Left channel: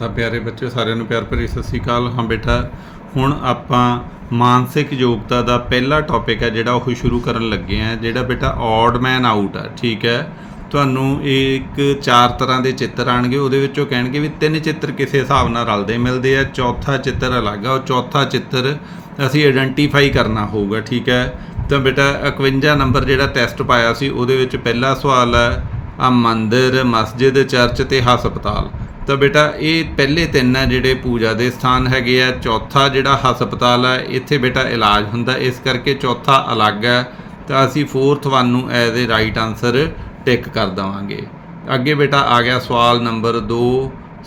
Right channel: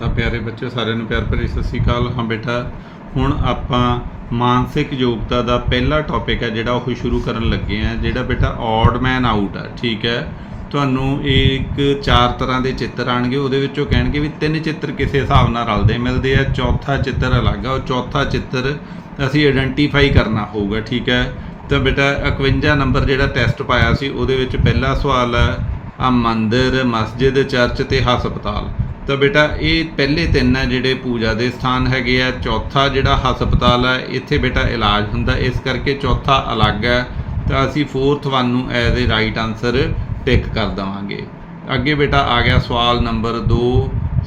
ਤਾਂ ਪਿਆਰੇ ਬੱਚੇ ਸਾਰਿਆਂ ਨੂੰ ਪਿਆਰ ਭਰੀ ਸਤਿ ਸ਼੍ਰੀ ਅਕਾਲ। ਹਾਂ ਬੇਟਾ, ਹੁਣ ਆਪਾਂ ਮਾਨਸਿਕ ਯੋਗਤਾ ਦਾ ਪਹਿਲਾ ਟੌਪਿਕ ਹੈ ਜਿਹੜਾ ਉਹ ਸ਼ੁਰੂ ਕਰਨ ਲੱਗੇ ਆ ਜਿਹੜਾ ਬੇਟਾ ਔਡ ਮੈਨ ਆਊਟ ਆ, ਠੀਕ ਹੈ? ਤੁਹਾਨੂੰ ਇੱਕ ਚਾਰ ਤਰ੍ਹਾਂ ਦੇ ਚਿੱਤਰ ਆਣਗੇ ਉਹਦੇ ਵਿੱਚੋਂ ਕਹਿਣਗੇ ਵੀ ਤਿੰਨ ਚਿੱਤਰ ਕਿਸੇ ਹਿਸਾਬ ਨਾਲ ਰਲਦੇ ਮਿਲਦੇ ਆ, ਚੌਥਾ ਚਿੱਤਰ ਅਲੱਗ ਆ, ਉਹ ਚੌਥਾ ਚਿੱਤਰ ਅਸੀਂ ਆਇਡੈਂਟੀਫਾਈ ਕਰਨਾ ਹੋਊਗਾ, ਠੀਕ ਹੈ? ਤਾਂ ਬੇਟਾ 51 ਨੰਬਰ ਜਿਹੜਾ ਟੈਸਟ ਪਾਇਆ ਸੀ, ਉਹਦੇ ਵਿੱਚ ਪਹਿਲਾ ਸਵਾਲ ਹੈ, ਆ ਮੰਦਿਰ, ਮਸਜਿਦ, ਚਰਚ ਤੇ ਹਸਪਤਾਲ। ਤਾਂ ਬੇਟਾ, ਇਹ ਪਹਿਲੇ ਤਿੰਨ ਆ ਜਿਹੜੇ ਪੂਜਾ ਦੇ ਸਥਾਨ ਹੈਗੇ ਆ। ਚੌਥਾ ਜਿਹੜਾ ਹਸਪਤਾਲ ਹੈ ਇੱਥੇ ਬੇਟਾ ਇਲਾਜ ਹੁੰਦਾ। ਇਸ ਕਰਕੇ ਚੌਥਾ ਅਲੱਗ ਹੈ ਤਾਂ ਅਸੀਂ ਫੋਰਥ ਵਨ ਨੂੰ as a right answer tick ਕਰ ਦਵਾਂਗੇ। ਅੱਗੇ ਬੇਟਾ ਆ ਗਿਆ ਸਵਾਲ ਨੰਬਰ 2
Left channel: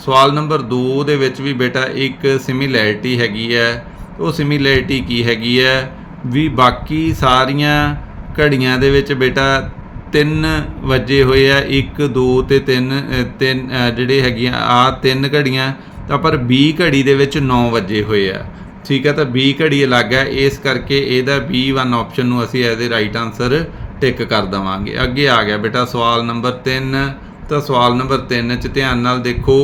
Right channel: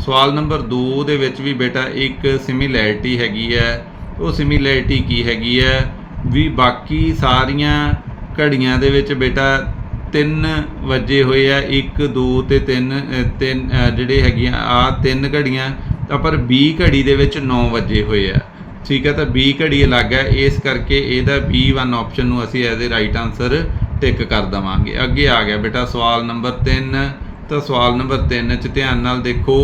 ਸਵਾਲ ਨੰਬਰ 2 ਦੇ ਵਿੱਚ ਵੀ ਬੇਟਾ ਇੱਕ ਸਿਮਿਲੈਰਿਟੀ ਹੈਗੀ ਹੈ ਉਹ ਸਿਮਿਲੈਰਿਟੀ ਕੀ ਹੈਗੀ ਹੈ ਵੀ ਬਾਕੀ ਸਾਰੀਆਂ ਘੜੀਆਂ ਦੇ ਵਿੱਚ ਬੇਟਾ ਤਿੰਨ ਵੱਜੇ ਹੋਏ ਆ 1 2 ਤੇ 3 ਤਿੰਨ ਜਿਹੜੇ ਹੈਗੀਆਂ, ਆ ਤਿੰਨ ਘੜੀਆਂ, ਤਾਂ ਪਰ B ਘੜੀ ਦੇ ਵਿੱਚ 9 ਵੱਜੇ ਹੋਏ ਆ। ਠੀਕ ਹੈ ਤਾਂ B ਘੜੀ ਅਲੱਗ ਹੈ ਇਸ ਕਰਕੇ ਇਹਦਾ B1 ਆਪਸ਼ਨ ਨੂੰ ਅਸੀਂ as a right answer tick ਕਰ ਦਵਾਂਗੇ। ਅੱਗੇ ਆ ਗਿਆ ਬੇਟਾ ਸਵਾਲ ਨੰਬਰ 3 ਤਾਂ ਸਵਾਲ ਨੰਬਰ 3 ਚ ਧਿਆਨ ਨਾਲ ਦੇਖੋ।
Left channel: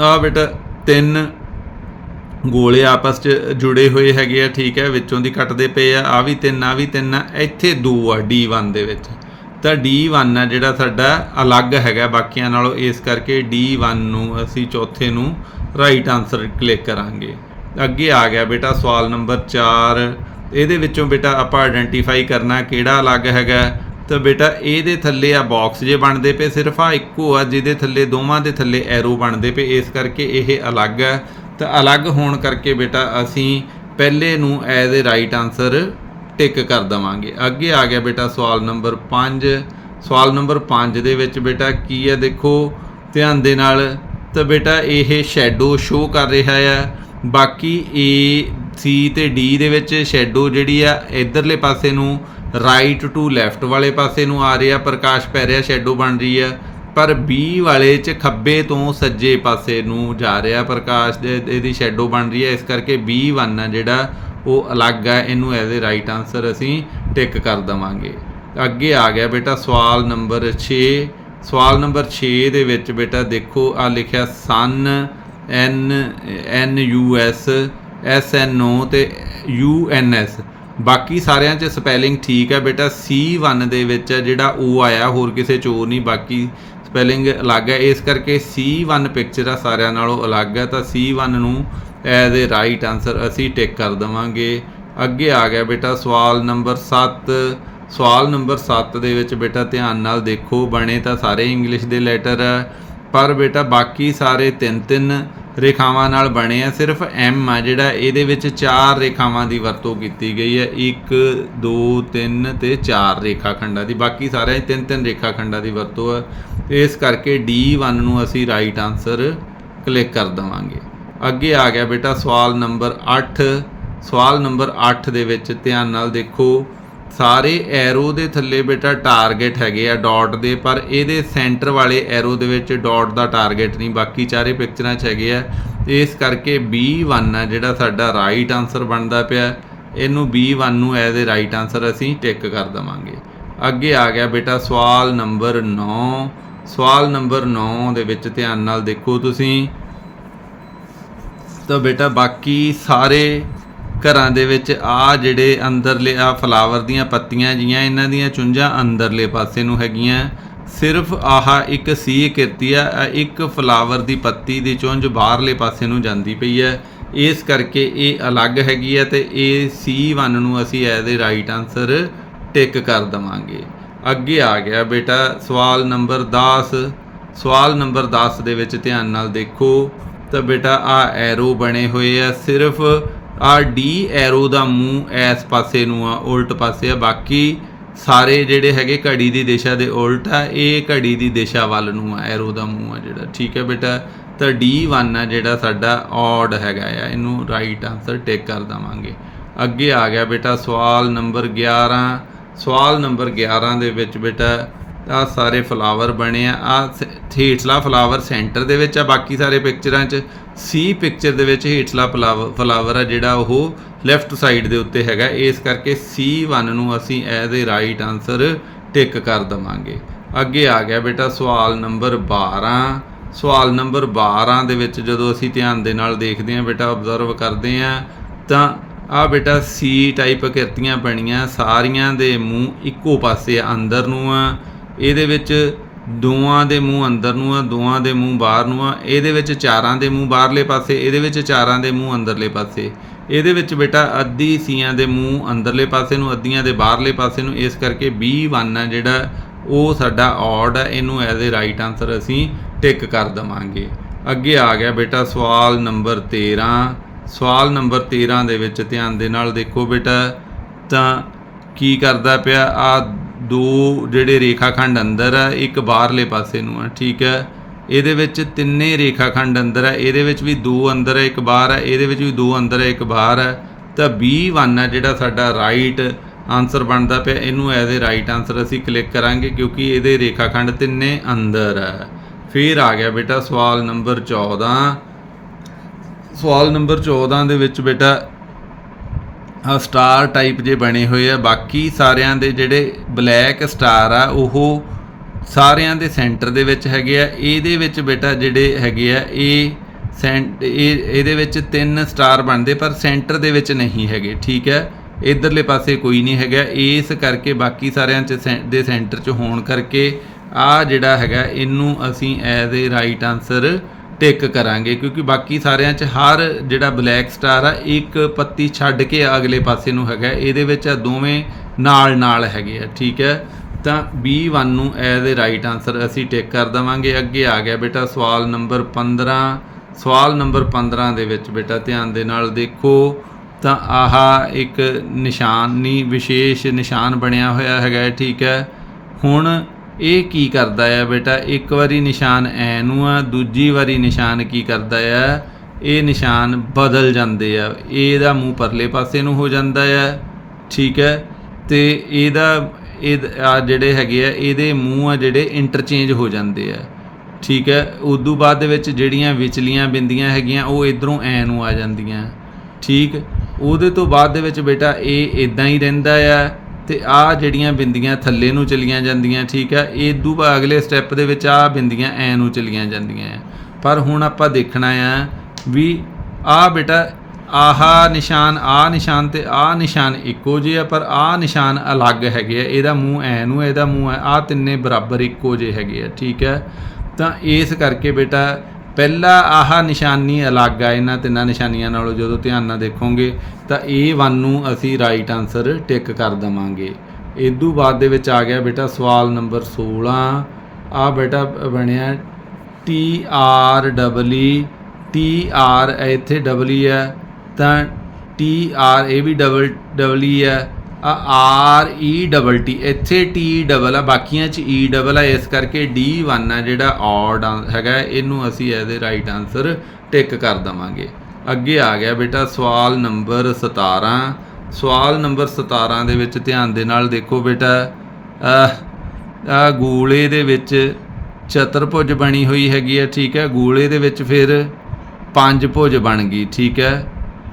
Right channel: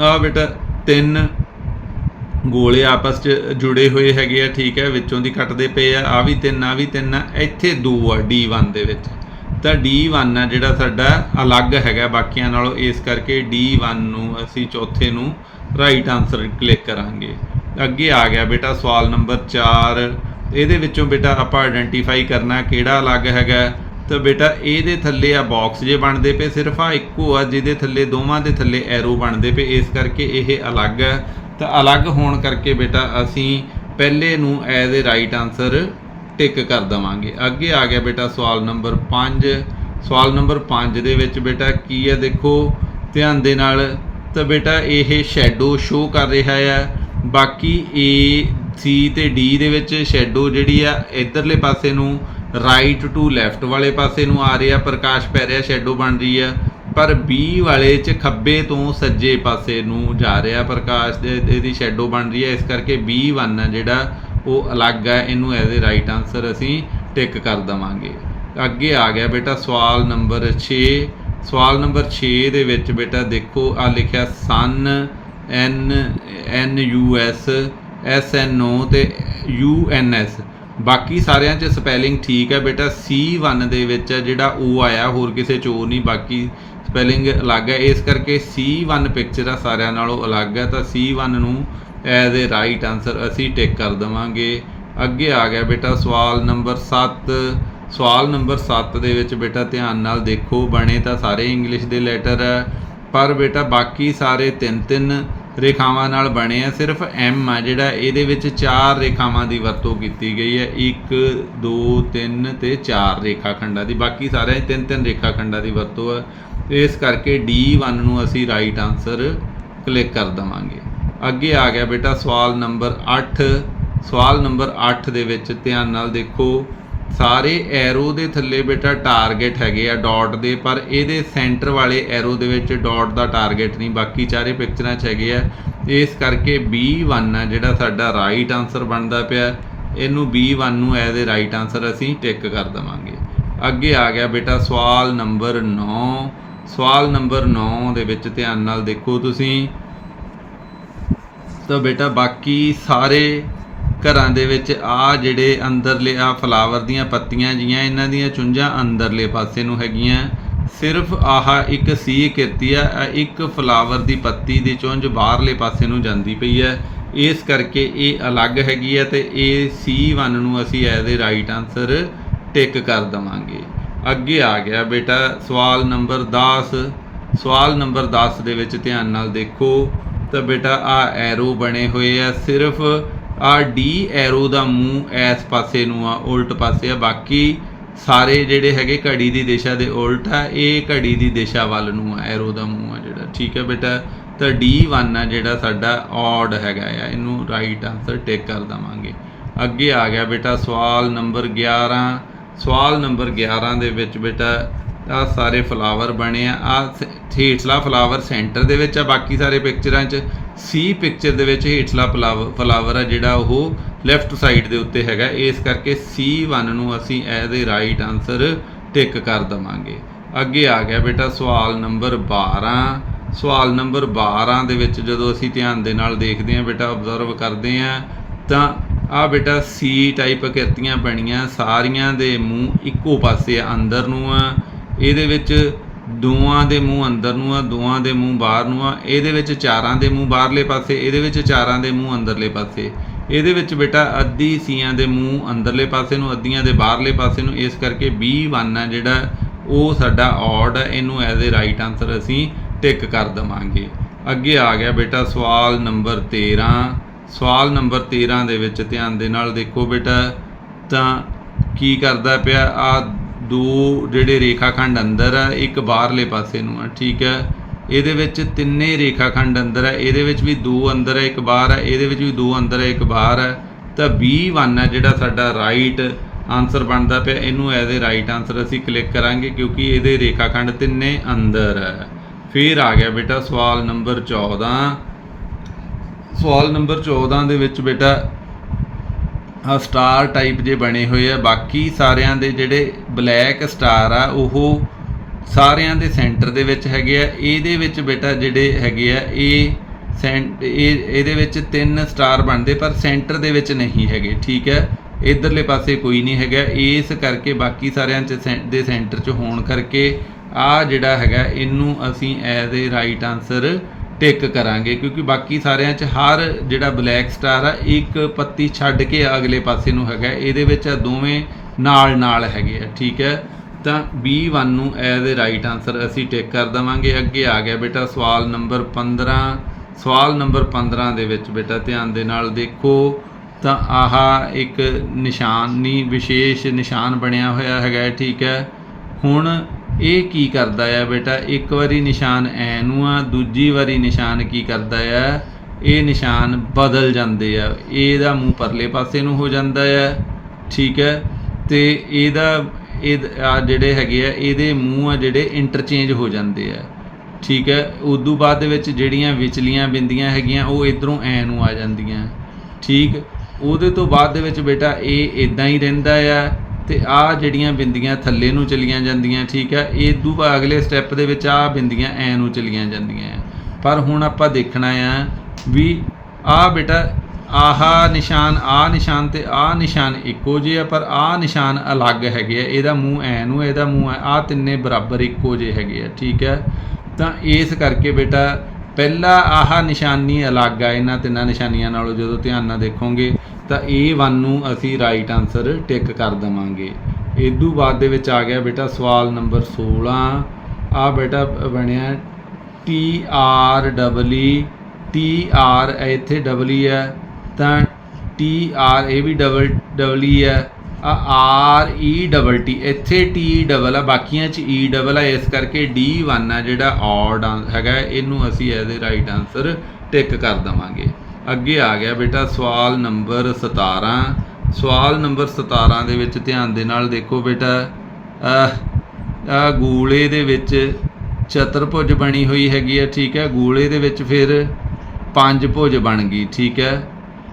ਆ ਬੇਟਾ ਤਿੰਨ ਗੋਲੇ ਆਪਸ 'ਚ ਜੁੜੇ ਹੋਏ ਹੈਗੇ ਆ, ਠੀਕ ਹੈ, ਵਿੱਚੋਂ ਦੀ ਕੱਟਦੇ ਪਏ ਆ। ਆ ਵੀ ਤਿੰਨ ਆ ਵੀ ਤਿੰਨ ਆ। ਇੱਥੇ ਦੋ ਆ D1 ਦੇ ਵਿੱਚ। ਤਾਂ D1 ਆ ਜਿਹੜਾ ਸਾਡਾ ਅਲੱਗ ਹੈਗਾ ਬਾਕੀਆਂ ਨਾਲੋਂ, ਇਸ ਕਰਕੇ D1 ਨੂੰ ਅਸੀਂ ਚੌਥੇ ਨੂੰ ਰਾਈਟ ਆਨਸਰ ਕਲਿੱਕ ਕਰਾਂਗੇ। ਅੱਗੇ ਆ ਗਿਆ ਬੇਟਾ ਸਵਾਲ ਨੰਬਰ 4 ਇਹਦੇ ਵਿੱਚੋਂ ਬੇਟਾ ਆਪਾਂ ਆਇਡੈਂਟੀਫਾਈ ਕਰਨਾ ਕਿਹੜਾ ਅਲੱਗ ਹੈਗਾ। ਤਾਂ ਬੇਟਾ ਇਹਦੇ ਥੱਲੇ ਆ ਬਾਕਸ ਜੇ ਬਣਦੇ ਪਏ, ਸਿਰਫ ਆ ਇੱਕੋ ਆ ਜਿਹਦੇ ਥੱਲੇ, ਦੋਵਾਂ ਦੇ ਥੱਲੇ ਐਰੋ ਬਣਦੇ ਪਏ, ਇਸ ਕਰਕੇ ਇਹ ਅਲੱਗ ਹੈ ਤਾਂ ਅਲੱਗ ਹੋਣ ਕਰਕੇ ਬੇਟਾ ਅਸੀਂ ਪਹਿਲੇ ਨੂੰ as a right answer tick ਕਰ ਦਵਾਂਗੇ। ਅੱਗੇ ਆ ਗਿਆ ਬੇਟਾ ਸਵਾਲ ਨੰਬਰ 5 ਸਵਾਲ ਨੰਬਰ 5 ਦੇ ਵਿੱਚ ਬੇਟਾ ਕੀ ਹੈ? ਦੇਖੋ, ਧਿਆਨ ਦੇ ਨਾਲ ਤਾਂ ਬੇਟਾ ਇਹ ਸ਼ੈਡੋ ਸ਼ੋ ਕਰ ਰਿਹਾ ਹੈ ਬਾਕੀ A, C ਤੇ D ਦੇ ਵਿੱਚ ਸ਼ੈਡੋ ਜਿਹੜੀ ਆ, ਇਧਰਲੇ ਪਾਸੇ ਨੂੰ ਰਾਈਟ ਟੂ ਲੈਫਟ ਵਾਲੇ ਪਾਸੇ ਨੂੰ ਆ ਰਿਹਾ। ਪ੍ਰਕਾਸ਼ ਪੈ ਰਿਹਾ ਸ਼ੈਡੋ ਬਣ ਰਹੀ ਆ। ਪਰ B ਵਾਲੇ ਚ ਖੱਬੇ ਤੋਂ ਸੱਜੇ ਪਾਸੇ ਨੂੰ ਜਾ ਰਿਹਾ ਪ੍ਰਕਾਸ਼ ਦੇ ਇਹਦੀ ਸ਼ੈਡੋ ਬਣ ਰਹੀ ਹੈ। ਇਸ ਕਰਕੇ B1 ਆ ਜਿਹੜਾ, ਉਹ ਅਲੱਗ ਹੈ ਇਹਨੂੰ ਐਜ਼ ਅ ਰਾਈਟ ਆਨਸਰ ਅਸੀਂ ਟਿਕ ਕਰ ਦਵਾਂਗੇ। ਅੱਗੇ ਆ ਗਿਆ ਬੇਟਾ ਸਵਾਲ ਨੰਬਰ 6 ਸਵਾਲ ਨੰਬਰ 6 ਦੇ ਵਿੱਚ ਬੇਟਾ ਦੇਖੋ ਆ ਲਿਖਿਆ ਸਨ N N U S S N O ਤੇ ਯੂ ਐਨ ਐਸ ਬਾਕੀ ਸਾਰਿਆਂ 'ਚ ਸਪੈਲਿੰਗ ਠੀਕ ਹੈ ਬੇਟਾ। C1 ਦੇ ਵਿੱਚ ਜਿਹੜਾ O ਆਇਆ, ਹੋਰ ਕਿਸੇ 'ਚ O ਨਹੀਂ। ਬਾਕੀ ਸਪੈਲਿੰਗ ਅਲੱਗ ਹੈ। ਇਸ ਕਰਕੇ C1 ਪਿਕਚਰ ਆ ਸਾਰਿਆਂ ਨਾਲੋਂ ਅਲੱਗ ਹੈ। ਤਾਂ C1 ਨੂੰ ਐਜ਼ ਅ ਰਾਈਟ ਆਨਸਰ ਅਸੀਂ ਟਿਕ ਕਰ ਦਵਾਂਗੇ। ਅੱਗੇ ਆ ਗਿਆ ਬੇਟਾ ਸਵਾਲ ਨੰਬਰ 7 ਸਵਾਲ ਨੰਬਰ 7 ਦੇ ਵਿੱਚ ਬੇਟਾ ਧਿਆਨ ਨਾਲ ਦੇਖੋ। ਬਣੇ ਤਾਂ ਸਾਰੇ ਇੰਗਲਿਸ਼ ਦੇ ਲੈਟਰ ਹੈ ਪਰ ਬੇਟਾ ਬਾਕੀ ਸਾਰੇ ਤਿੰਨ ਤਿੰਨ ਰੇਖਾਵਾਂ ਨਾਲ ਬਣੇ ਆ। ਸਿਰਫ M ਆ ਜਿਹੜਾ ਇਹਦੇ ਵਿੱਚ ਚਾਰ ਰੇਖਾਵਾਂ ਦੀ ਵਰਤੋਂ ਕੀਤੀ ਗਈ ਹੈ। 1 2 3 ਤੇ 4 ਰੇਖਾਖੰਡਾਂ ਦੀ। ਬਾਕੀ ਸਾਰੇ ਤਿੰਨ ਤਿੰਨ ਰੇਖਾਖੰਡਾਂ ਦੀ ਵਰਤੋਂ ਹੈ ਇਸ ਕਰਕੇ D1 ਨੂੰ ਅਸੀਂ ਰਾਈਟ ਆਨਸਰ ਕਲਿੱਕ ਕਰ ਦਵਾਂਗੇ। ਅੱਗੇ ਆ ਗਿਆ ਬੇਟਾ ਸਵਾਲ ਨੰਬਰ 8 ਸਵਾਲ ਨੰਬਰ 8 ਦੇ ਵਿੱਚ ਧਿਆਨ ਨਾਲ ਦੇਖੋ, ਸਾਰੇ ਐਰੋ ਦੇ ਥੱਲੇ ਬੇਟਾ ਟਾਰਗੇਟ ਹੈਗੇ ਆ ਡਾਟ ਦੇ, ਪਰ ਇਹਦੇ ਸੈਂਟਰ ਵਾਲੇ ਐਰੋ ਦੇ ਵਿੱਚ ਡਾਟ ਦਾ ਟਾਰਗੇਟ ਨਹੀਂ, ਬਾਕੀ ਚਾਰੇ ਪਿਕਚਰਾਂ 'ਚ ਹੈਗੇ ਆ। ਇਸ ਕਰਕੇ B1 ਆ ਜਿਹੜਾ ਸਾਡਾ ਰਾਈਟ ਆਨਸਰ ਬਣਦਾ ਪਿਆ। ਇਹਨੂੰ B1 ਨੂੰ ਐਜ਼ ਅ ਰਾਈਟ ਆਨਸਰ ਅਸੀਂ ਟਿਕ ਕਰ ਦਵਾਂਗੇ। ਅੱਗੇ ਆ ਗਿਆ ਬੇਟਾ ਸਵਾਲ ਨੰਬਰ 9 ਸਵਾਲ ਨੰਬਰ 9 ਦੇ ਵਿੱਚ ਧਿਆਨ ਨਾਲ ਦੇਖੋ ਤੁਸੀਂ। ਤਾਂ ਬੇਟਾ ਬਾਕੀ ਸਾਰੇ ਘਰਾਂ ਦੇ ਵਿੱਚ ਆ ਜਿਹੜੇ ਅੰਦਰਲੇ, ਆ ਫਲਾਵਰ ਦੀਆਂ ਪੱਤੀਆਂ ਜੀਆਂ, ਇਹਨਾਂ ਦੀਆਂ ਚੁੰਝਾਂ ਅੰਦਰਲੇ ਪਾਸੇ ਨੂੰ ਹੈਗੀਆਂ। ਸਿਰਫ ਆਹ ਇੱਕ ਸੀ ਕਿਰਤੀ ਆ ਇੱਕ ਫਲਾਵਰ ਦੀ ਪੱਤੀ ਦੀ ਚੁੰਝ ਬਾਹਰਲੇ ਪਾਸੇ ਨੂੰ ਜਾਂਦੀ ਪਈ ਹੈ ਇਸ ਕਰਕੇ ਇਹ ਅਲੱਗ ਹੈਗੀ ਹੈ ਤੇ ਇਹ C1 ਨੂੰ ਅਸੀਂ as a right answer tick ਕਰ ਦਵਾਂਗੇ। ਅੱਗੇ ਆ ਗਿਆ ਬੇਟਾ, ਸਵਾਲ ਨੰਬਰ 10 ਸਵਾਲ ਨੰਬਰ 10 ਦੇ ਵਿੱਚ ਧਿਆਨ ਨਾਲ ਦੇਖੋ। ਤਾਂ ਬੇਟਾ, ਆ ਐਰੋ ਬਣੇ ਹੋਏ ਆ। ਸਿਰਫ ਆ ਡੀ ਐਰੋ ਦਾ ਮੂੰਹ ਇਸ ਪਾਸੇ ਨੂੰ ਆ, ਉਲਟ ਪਾਸੇ ਆ। ਬਾਕੀ ਸਾਰੇ ਜਿਹੜੇ ਹੈਗੇ ਘੜੀ ਦੀ ਦਿਸ਼ਾ ਦੇ ਉਲਟ ਆ, ਇਹ ਘੜੀ ਦੀ ਦਿਸ਼ਾ ਵੱਲ ਨੂੰ ਆ ਐਰੋ ਦਾ ਮੂੰਹ ਆ ਜਿਹੜਾ। ਠੀਕ ਹੈ ਬੇਟਾ? ਤਾਂ D1 ਆ ਜਿਹੜਾ ਸਾਡਾ ਔਡ ਹੈਗਾ ਆ। ਇਹਨੂੰ ਰਾਈਟ ਆਨਸਰ ਟਿਕ ਕਰ ਦਵਾਂਗੇ। ਅੱਗੇ ਆ ਗਿਆ ਬੇਟਾ, ਸਵਾਲ ਨੰਬਰ 11 ਸਵਾਲ ਨੰਬਰ 11 ਦੇ ਵਿੱਚ ਬੇਟਾ ਆ ਸਾਰੇ ਫਲਾਵਰ ਬਣੇ ਆ ਆ ਹੇਠਲਾ ਫਲਾਵਰ ਸੈਂਟਰ ਦੇ ਵਿੱਚ ਆ, ਬਾਕੀ ਸਾਰੇ ਪਿਕਚਰਾਂ 'ਚ ਸੀ ਪਿਕਚਰ ਦੇ ਵਿੱਚ ਹੇਠਲਾ ਫਲਾਵਰ ਆ ਜਿਹੜਾ ਉਹ ਲੈਫਟ ਸਾਈਡ ਦੇ ਉੱਤੇ ਹੈਗਾ। ਇਸ ਕਰਕੇ C1 ਨੂੰ ਅਸੀਂ as a right answer tick ਕਰ ਦਵਾਂਗੇ। ਅੱਗੇ ਆ ਗਿਆ ਬੇਟਾ ਸਵਾਲ ਨੰਬਰ 12 ਸਵਾਲ ਨੰਬਰ 12 ਦੇ ਵਿੱਚ ਜਦੋਂ ਅਸੀਂ ਧਿਆਨ ਦੇ ਨਾਲ ਦੇਖਦੇ ਹਾਂ ਬੇਟਾ ਆਬਜ਼ਰਵ ਕਰਦੇ ਹਾਂ, ਤਾਂ ਆ ਬੇਟਾ ਸੀ ਟਾਈਪ ਕਿਰਤੀਆਂ ਬਣੀਆਂ, ਸਾਰੀਆਂ ਦੇ ਮੂੰਹ ਇੱਕੋ ਪਾਸੇ ਅੰਦਰ ਨੂੰ ਆ। ਇਹਦੇ ਵਿੱਚ ਦੋਆਂ ਦੇ ਮੂੰਹ ਅੰਦਰ ਨੂੰ ਆ ਦੋਆਂ ਦੇ ਮੂੰਹ ਬਾਹਰ ਨੂੰ ਆ। ਇਹਦੇ ਵਿੱਚ ਚਾਰਾਂ ਦੇ ਮੂੰਹ ਬਾਹਰਲੇ ਪਾਸੇ, ਇਹਦੇ ਵਿੱਚ ਚਾਰਾਂ ਦੇ ਮੂੰਹ ਅੰਦਰਲੇ ਪਾਸੇ। ਇਹਦੇ ਵਿੱਚ ਬੇਟਾ ਅੱਧੀ ਸੀਆਂ ਦੇ ਮੂੰਹ ਅੰਦਰਲੇ ਪਾਸੇ ਨੂੰ, ਅੱਧੀਆਂ ਦੇ ਬਾਹਰਲੇ ਪਾਸੇ ਨੂੰ। ਇਸ ਕਰਕੇ 21 ਆ ਜਿਹੜਾ, ਉਹ ਸਾਡਾ ਔਡ ਹੈ ਇਹਨੂੰ ਐਜ਼ ਅ ਰਾਈਟ ਆਨਸਰ ਅਸੀਂ ਟਿਕ ਕਰ ਦਵਾਂਗੇ। ਅੱਗੇ ਆ ਗਿਆ ਬੇਟਾ ਸਵਾਲ ਨੰਬਰ 13 ਸਵਾਲ ਨੰਬਰ 13 ਦੇ ਵਿੱਚ ਧਿਆਨ ਦੇ ਨਾਲ ਦੇਖੋ ਬੇਟਾ, ਤਾਂ ਕੀ ਕਰਦਾ ਪਿਆ? ਆ ਦੋ ਜਿਹੜੇ ਰੇਖਾਖੰਡ ਅੰਦਰ ਆ, ਇੱਕ ਬਾਹਰਲੇ ਪਾਸੇ ਨੂੰ ਆ, ਠੀਕ ਹੈ? ਇਹਦੇ ਵਿੱਚ ਤਿੰਨੇ ਰੇਖਾਖੰਡ ਅੰਦਰ ਆ, ਇਹਦੇ ਵਿੱਚ ਵੀ ਦੋ ਅੰਦਰ ਹੈ ਇੱਕ ਬਾਹਰ ਹੈ ਇਹਦੇ ਵਿੱਚ ਵੀ ਦੋ ਅੰਦਰ ਹੈ ਇੱਕ ਬਾਹਰ ਹੈ ਤਾਂ 21 ਆ ਜਿਹੜਾ ਸਾਡਾ ਰਾਈਟ ਆਨਸਰ ਬਣਦਾ ਪਿਆ, ਇਹਨੂੰ ਐਜ਼ ਅ ਰਾਈਟ ਆਨਸਰ ਅਸੀਂ ਕਲਿੱਕ ਕਰਾਂਗੇ ਕਿਉਂਕਿ ਇਹਦੇ ਰੇਖਾਖੰਡ ਤਿੰਨੇ ਅੰਦਰ ਹੈ ਫਿਰ ਆ ਗਿਆ ਬੇਟਾ ਸਵਾਲ ਨੰਬਰ 14 ਸਵਾਲ ਨੰਬਰ 14 ਦੇ ਵਿੱਚ ਬੇਟਾ ਆ ਸਟਾਰ ਟਾਈਪ ਜੇ ਬਣੇ ਹੋਏ ਆ, ਬਾਕੀ ਸਾਰਿਆਂ ਦੇ ਜਿਹੜੇ ਬਲੈਕ ਸਟਾਰ ਆ, ਉਹ ਸਾਰਿਆਂ ਦੇ ਸੈਂਟਰ ਦੇ ਵਿੱਚ ਹੈਗੇ ਆ। ਇਹਦੇ ਵਿੱਚ ਬੇਟਾ ਜਿਹੜੇ ਹੈਗੇ ਆ, ਇਹ ਸੈਂਟ ਇਹ, ਇਹਦੇ ਵਿੱਚ ਤਿੰਨ ਸਟਾਰ ਬਣਦੇ, ਪਰ ਸੈਂਟਰ ਦੇ ਵਿੱਚ ਨਹੀਂ ਹੈਗੇ, ਠੀਕ ਹੈ? ਇਧਰਲੇ ਪਾਸੇ ਕੋਈ ਨਹੀਂ ਹੈਗਾ। ਇਸ ਕਰਕੇ ਬਾਕੀ ਸਾਰਿਆਂ ਚ ਸੈਂ- ਦੇ ਸੈਂਟਰ ਚ ਹੋਣ ਕਰਕੇ ਆ ਜਿਹੜਾ ਹੈਗਾ, ਇਹਨੂੰ ਅਸੀਂ as a right answer tick ਕਰਾਂਗੇ, ਕਿਉਂਕਿ ਬਾਕੀ ਸਾਰਿਆਂ 'ਚ ਹਰ ਜਿਹੜਾ ਬਲੈਕ ਸਟਾਰ ਆ, ਇੱਕ ਪੱਤੀ ਛੱਡ ਕੇ ਅਗਲੇ ਪਾਸੇ ਨੂੰ ਹੈਗਾ, ਇਹਦੇ ਵਿੱਚ ਆ ਦੋਵੇਂ ਨਾਲ ਨਾਲ ਹੈਗੇ ਆ, ਠੀਕ ਹੈ? ਤਾਂ B1 ਨੂੰ ਐਜ਼ ਅ ਰਾਈਟ ਆਨਸਰ ਅਸੀਂ ਟਿਕ ਕਰ ਦਵਾਂਗੇ, ਅੱਗੇ ਆ ਗਿਆ ਬੇਟਾ ਸਵਾਲ ਨੰਬਰ 15 ਸਵਾਲ ਨੰਬਰ 15 ਦੇ ਵਿੱਚ ਬੇਟਾ ਧਿਆਨ ਦੇ ਨਾਲ ਦੇਖੋ, ਤਾਂ ਆਹ ਇੱਕ ਨਿਸ਼ਾਨੀ ਵਿਸ਼ੇਸ਼ ਨਿਸ਼ਾਨ ਬਣਿਆ ਹੋਇਆ ਹੈਗਾ, ਠੀਕ ਹੈ? ਹੁਣ ਇਹ ਕੀ ਕਰਦਾ ਆ ਬੇਟਾ? ਇੱਕ ਵਾਰੀ ਨਿਸ਼ਾਨ ਐ ਨੂੰ ਆ, ਦੂਜੀ ਵਾਰੀ ਨਿਸ਼ਾਨ ਕੀ ਕਰਦਾ ਆ? ਇਹ ਨਿਸ਼ਾਨ ਬਦਲ ਜਾਂਦੇ ਆ। ਇਹਦਾ ਮੂੰਹ ਪਰਲੇ ਪਾਸੇ ਨੂੰ ਹੋ ਜਾਂਦਾ ਆ, ਠੀਕ ਹੈ? ਤੇ ਇਹਦਾ, ਇਹ ਆ ਜਿਹੜੇ ਹੈਗੇ ਆ, ਇਹਦੇ ਮੂੰਹ ਆ ਜਿਹੜੇ ਇੰਟਰਚੇਂਜ ਹੋ ਜਾਂਦੇ ਆ, ਠੀਕ ਹੈ? ਉਦੋਂ ਬਾਅਦ ਦੇ ਵਿੱਚ ਜਿਹੜੀਆਂ ਵਿਚਲੀਆਂ ਬਿੰਦੀਆਂ ਹੈਗੀਆਂ, ਉਹ ਇਧਰੋਂ ਐ ਨੂੰ ਆ ਜਾਂਦੀਆਂ, ਠੀਕ? ਉਹਦੇ ਤੋਂ ਬਾਅਦ ਦੇ ਵਿੱਚ ਬੇਟਾ, ਇਹ ਇਦਾਂ ਹੀ ਰਹਿੰਦਾ ਆ। ਤੇ ਆ ਜਿਹੜੀਆਂ ਬਿੰਦੀਆਂ ਥੱਲੇ ਨੂੰ ਚਲੀਆਂ ਜਾਂਦੀਆਂ, ਠੀਕ ਹੈ ਇਹ ਦੂ ਅਗਲੇ ਸਟੈਪ ਦੇ ਵਿੱਚ ਆ ਬਿੰਦੀਆਂ ਐ ਨੂੰ ਚਲੀਆਂ ਜਾਂਦੀਆਂ ਆ ਪਰ ਹੁਣ ਆਪਾਂ ਦੇਖਣਾ ਆ ਵੀ ਆ ਬੇਟਾ ਆਹਾ ਨਿਸ਼ਾਨ, ਆ ਨਿਸ਼ਾਨ ਤੇ ਆ ਨਿਸ਼ਾਨ ਇੱਕੋ ਜਿਹੇ ਆ, ਪਰ ਆ ਨਿਸ਼ਾਨ ਅਲੱਗ ਹੈਗੇ ਆ। ਇਹਦਾ ਮੂੰਹ ਐ ਨੂੰ, ਇਹਦਾ ਮੂੰਹ ਐ, ਆ ਤਿੰਨੇ ਬਰਾਬਰ ਇੱਕੋ ਜਿਹੇ ਹੈਗੇ ਆ, ਠੀਕ ਹੈ। ਤਾਂ ਇਸ ਕਰਕੇ ਬੇਟਾ ਪਹਿਲਾ ਆਹ ਨਿਸ਼ਾਨੀ ਅਲੱਗ ਆ ਇਹਨਾਂ ਤਿੰਨਾਂ ਨਿਸ਼ਾਨੀਆਂ ਨਾਲੋਂ, ਜਦੋਂ ਧਿਆਨ ਨਾਲ ਦੇਖੋਗੇ ਤਾਂ ਇਹ ਵਨ ਨੂੰ ਅਸੀਂ ਰਾਈਟ ਆਨਸਰ ਟਿਕ ਕਰ ਦਵਾਂਗੇ। ਇਦੋਂ ਬਾਅਦ ਦੇ ਵਿੱਚ ਆ ਗਿਆ ਬੇਟਾ ਸਵਾਲ ਨੰਬਰ 16 ਆ ਬੇਟਾ ਬਣਿਆ T R double E T R ਇੱਥੇ ਡਬਲੀ ਹੈ, ਤਾਂ ਟੀ ਆਰ ਇਹ ਵੀ ਡਬਲ ਡਬਲੀ e ਹੈ। ਆਰ ਈ ਡਬਲ ਟੀ ਇੱਥੇ ਟੀ ਡਬਲ ਆ, ਬਾਕੀਆਂ ਚ e, ਈ ਡਬਲ ਆ, ਇਸ ਕਰਕੇ ਡੀ 1 ਆ ਜਿਹੜਾ ਔਡ ਹੈਗਾ ਇਹਨੂੰ ਅਸੀਂ ਇਹਦੇ ਰਾਈਟ ਆਨਸਰ ਟਿਕ ਕਰ ਦਵਾਂਗੇ। ਅੱਗੇ ਆ ਗਿਆ ਬੇਟਾ ਸਵਾਲ ਨੰਬਰ 17 ਸਵਾਲ ਨੰਬਰ 17 ਦੇ ਵਿੱਚ ਧਿਆਨ ਦੇ ਨਾਲ ਦੇਖੋ ਬੇਟਾ ਆ ਗੋਲੇ ਦੇ ਵਿੱਚ ਚਤੁਰਭੁਜ ਬਣੀ ਹੋਈ ਹੈਗੀ ਹੈ, ਠੀਕ ਹੈ, ਗੋਲੇ ਦੇ ਵਿੱਚ ਫਿਰ ਪੰਜ ਭੁਜ ਬਣ ਗਈ, ਠੀਕ ਹੈ।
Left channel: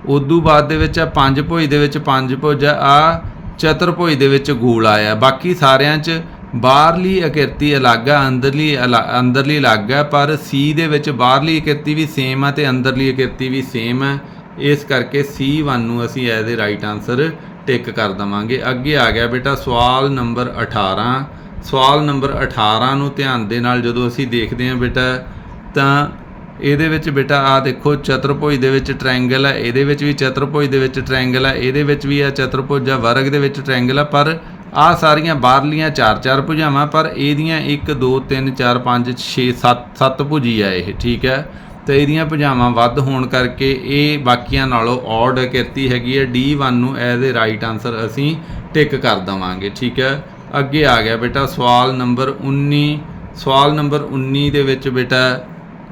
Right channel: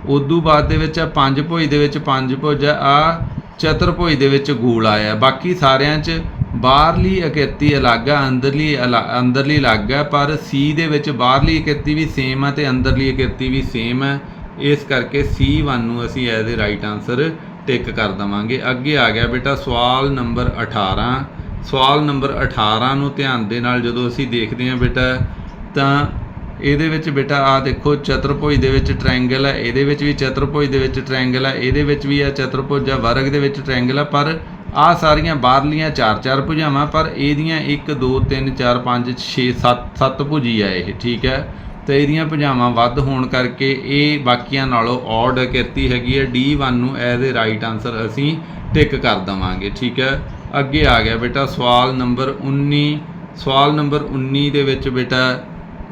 ਉਦੋਂ ਬਾਅਦ ਦੇ ਵਿੱਚ ਆ ਪੰਜ ਭੁਜ, ਦੇ ਵਿੱਚ ਪੰਜ ਭੁਜ ਆ ਚਤੁਰਭੁਜ ਦੇ ਵਿੱਚ ਗੂਲ ਆਇਆ ਬਾਕੀ ਸਾਰਿਆਂ 'ਚ ਬਾਹਰਲੀ ਅਕਿਰਤੀ ਅਲੱਗ ਆ, ਅੰਦਰਲੀ ਅਲ- ਅੰਦਰਲੀ ਅਲੱਗ ਆ, ਪਰ ਸੀ ਦੇ ਵਿੱਚ ਬਾਹਰਲੀ ਆਕ੍ਰਿਤੀ ਵੀ ਸੇਮ ਆ ਤੇ ਅੰਦਰਲੀ ਆਕ੍ਰਿਤੀ ਵੀ ਸੇਮ ਆ। ਇਸ ਕਰਕੇ C1 ਨੂੰ ਅਸੀਂ as a right answer tick ਕਰ ਦਵਾਂਗੇ। ਅੱਗੇ ਆ ਗਿਆ ਬੇਟਾ ਸਵਾਲ ਨੰਬਰ 18 ਸਵਾਲ ਨੰਬਰ 18 ਨੂੰ ਧਿਆਨ ਦੇ ਨਾਲ ਜਦੋਂ ਅਸੀਂ ਦੇਖਦੇ ਹਾਂ ਬੇਟਾ, ਤਾਂ ਇਹਦੇ ਵਿੱਚ ਬੇਟਾ ਆ ਦੇਖੋ, ਚਤੁਰਭੁਜ ਦੇ ਵਿੱਚ ਟ੍ਰਾਇੰਗਲ ਹੈ, ਇਹਦੇ ਵਿੱਚ ਵੀ ਚਤੁਰਭੁਜ ਦੇ ਵਿੱਚ ਟ੍ਰਾਇੰਗਲ ਹੈ, ਇਹਦੇ ਵਿੱਚ ਵੀ ਆ ਚਤੁਰਭੁਜ ਆ ਵਰਗ ਦੇ ਵਿੱਚ ਟ੍ਰਾਇੰਗਲ ਹੈ, ਪਰ ਆ ਸਾਰੀਆਂ ਬਾਹਰਲੀਆਂ ਚਾਰ ਚਾਰ ਭੁਜਾਵਾਂ, ਪਰ ਇਹਦੀਆਂ 1 2 3 4 5 6 7 7 ਭੁਜੀ ਆ ਇਹ, ਠੀਕ ਹੈ? ਤੇ ਇਹਦੀਆਂ ਭੁਜਾਵਾਂ ਵੱਧ ਹੋਣ ਕਰਕੇ ਇਹ ਬਾਕੀਆਂ ਨਾਲੋਂ ਔਡ ਕਿਰਤੀ ਹੈਗੀ ਹੈ D1 ਨੂੰ ਐਜ਼ ਅ ਰਾਈਟ ਆਨਸਰ ਅਸੀਂ ਟਿਕ ਕਰ ਦਵਾਂਗੇ, ਠੀਕ ਹੈ? ਅੱਗੇ ਆ ਗਿਆ ਬੇਟਾ ਸਵਾਲ ਨੰਬਰ 19 ਸਵਾਲ ਨੰਬਰ 19 ਦੇ ਵਿੱਚ ਬੇਟਾ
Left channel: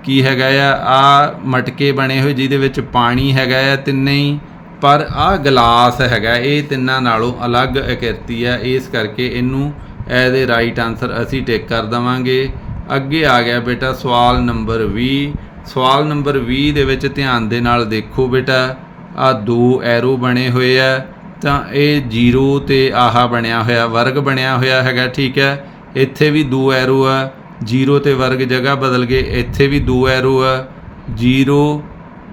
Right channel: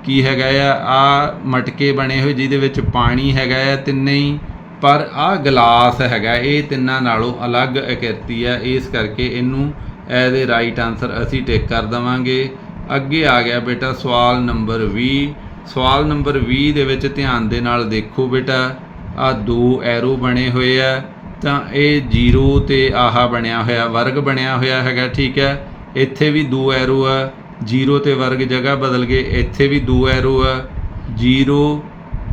ਕੀ ਹੈਗਾ ਆ? ਆ ਮਟਕੇ ਬਣੇ ਹੋਏ ਜਿਹਦੇ ਵਿੱਚ ਪਾਣੀ ਹੈਗਾ ਆ ਤਿੰਨੇ ਹੀ ਪਰ ਆ ਗਲਾਸ ਹੈਗਾ, ਇਹ ਤਿੰਨਾਂ ਨਾਲੋਂ ਅਲੱਗ ਆਕ੍ਰਿਤੀ ਆ। ਇਸ ਕਰਕੇ ਇਹਨੂੰ ਐਜ਼ ਅ ਰਾਈਟ ਆਨਸਰ ਅਸੀਂ ਟਿਕ ਕਰ ਦਵਾਂਗੇ। ਅੱਗੇ ਆ ਗਿਆ ਬੇਟਾ ਸਵਾਲ ਨੰਬਰ 20 ਸਵਾਲ ਨੰਬਰ 20 ਦੇ ਵਿੱਚ ਧਿਆਨ ਦੇ ਨਾਲ ਦੇਖੋ ਬੇਟਾ, ਆ ਦੋ ਐਰੋ ਬਣੇ ਹੋਏ ਆ, ਤਾਂ ਇਹ 0 ਤੇ ਆਹਾ ਬਣਿਆ ਹੋਇਆ, ਵਰਗ ਬਣਿਆ ਹੋਇਆ ਹੈਗਾ, ਠੀਕ ਹੈ? ਇੱਥੇ ਵੀ ਦੋ ਐਰੋ ਆ 0 ਤੇ ਵਰਗ ਜਗ੍ਹਾ ਬਦਲ ਗਏ ਇੱਥੇ ਵੀ ਦੋ ਐਰੋ ਆ 0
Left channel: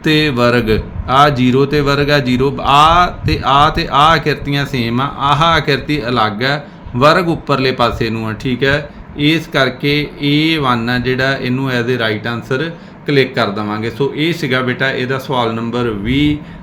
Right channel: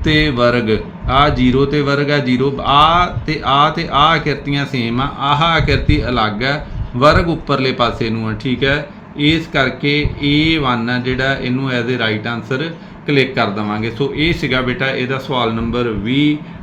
ਤੇ ਵਰਗ। ਆ 0 ਤੇ ਵਰਗ ਆ 0 ਆ ਤੇ ਆ ਤੇ ਆ ਆਕ੍ਰਿਤੀਆਂ ਸੇਮ ਆ, ਆਹ ਆਕ੍ਰਿਤੀ ਅਲੱਗ ਹੈ ਵਰਗ ਉੱਪਰਲੇ ਪਾਸੇ ਨੂੰ ਆ, ਠੀਕ ਹੈ ਇਸ ਕਰਕੇ A1 ਆ ਜਿਹੜਾ ਇਹਨੂੰ as a right answer click ਕਰ ਦਵਾਂਗੇ। ਸੋ ਇਹ ਸੀਗਾ ਬੇਟਾ, ਇਹਦਾ ਸਵਾਲ ਨੰਬਰ 20